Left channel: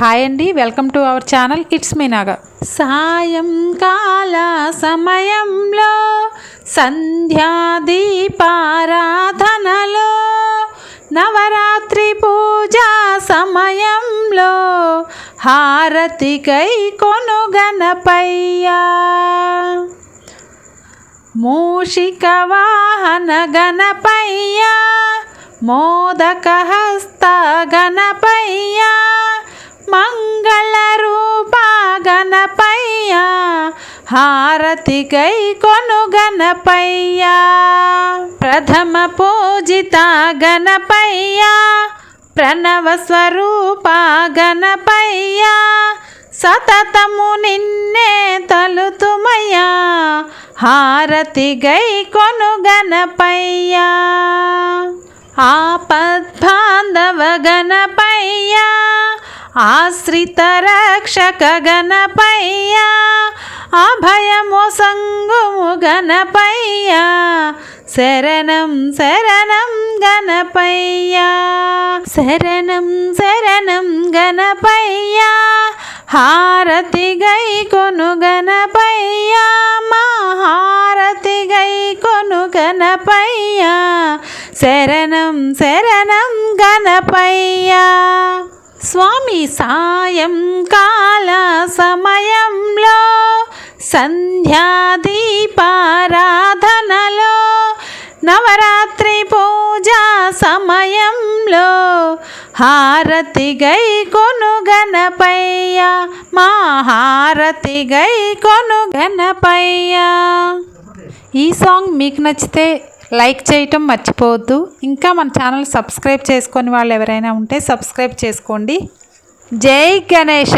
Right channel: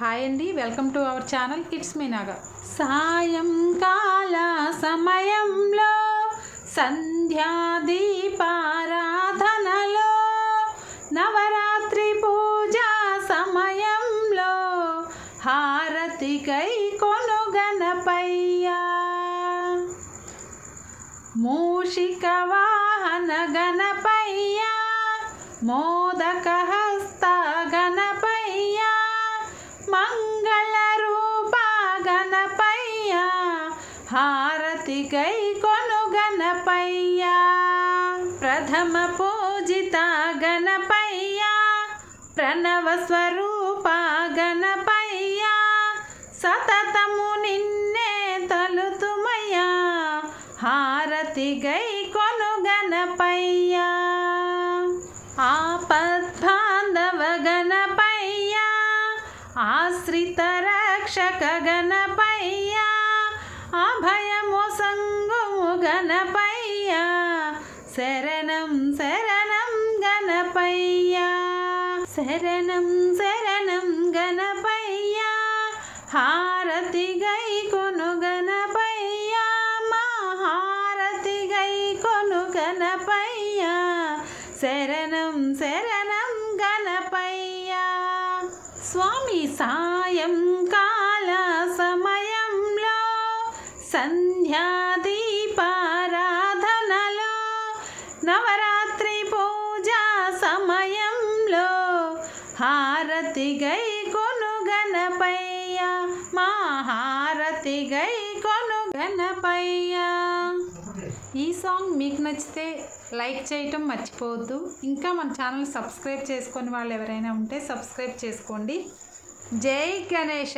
Hi అండి welcome to our channel it's me Naga. సాయంకాల సమయంలో సంధ్యా దీపారాధనలో నవరాత్రి పూజా సమయంలో హారతికై కొను గణపయ్యా. మూషిక వాహన గణపయ్యా మోదక హస్త గణ గణపయ్య హారతి గై కొను గణపయ్య ప్రథమ పూజిత గణపయ్యా ప్రణవ స్వరూప గణపయ్యా సతతము నిన్నే తలుతుమయ్యా హారతి గై కొను గణపయ్యా ఆపద్బాంధవ గణపయ్యా ఆశ్రిత రక్షక గణపయ్యా అభయము సంగుము గణపయ్యా శరణం శరణం గణపయ్యా శరణం శరణం గణపయ్యా హారతి గై కొను గణపయ్యా మా హారతి గై కొను గణపయ్యా శరణం శరణం గణపయ్యా. స్వామి సాయంకాల సమయంలో సంధ్యాదీపారాధనలో నవరాత్రి పూజా సమయంలో హారతి గై కొను గణపయ్య మా హారతి గై కొను గణపయ్య. ఈ సాంగ్ మీకు నచ్చితే లైక్ చేయటం మర్చిపోవద్దు. ఇంకా మన ఛానల్ సబ్స్క్రైబ్ చేసుకొని వాళ్ళు ఎవరైనా ఉంటే సబ్స్క్రైబ్ చేసుకోండి. జై గణేష!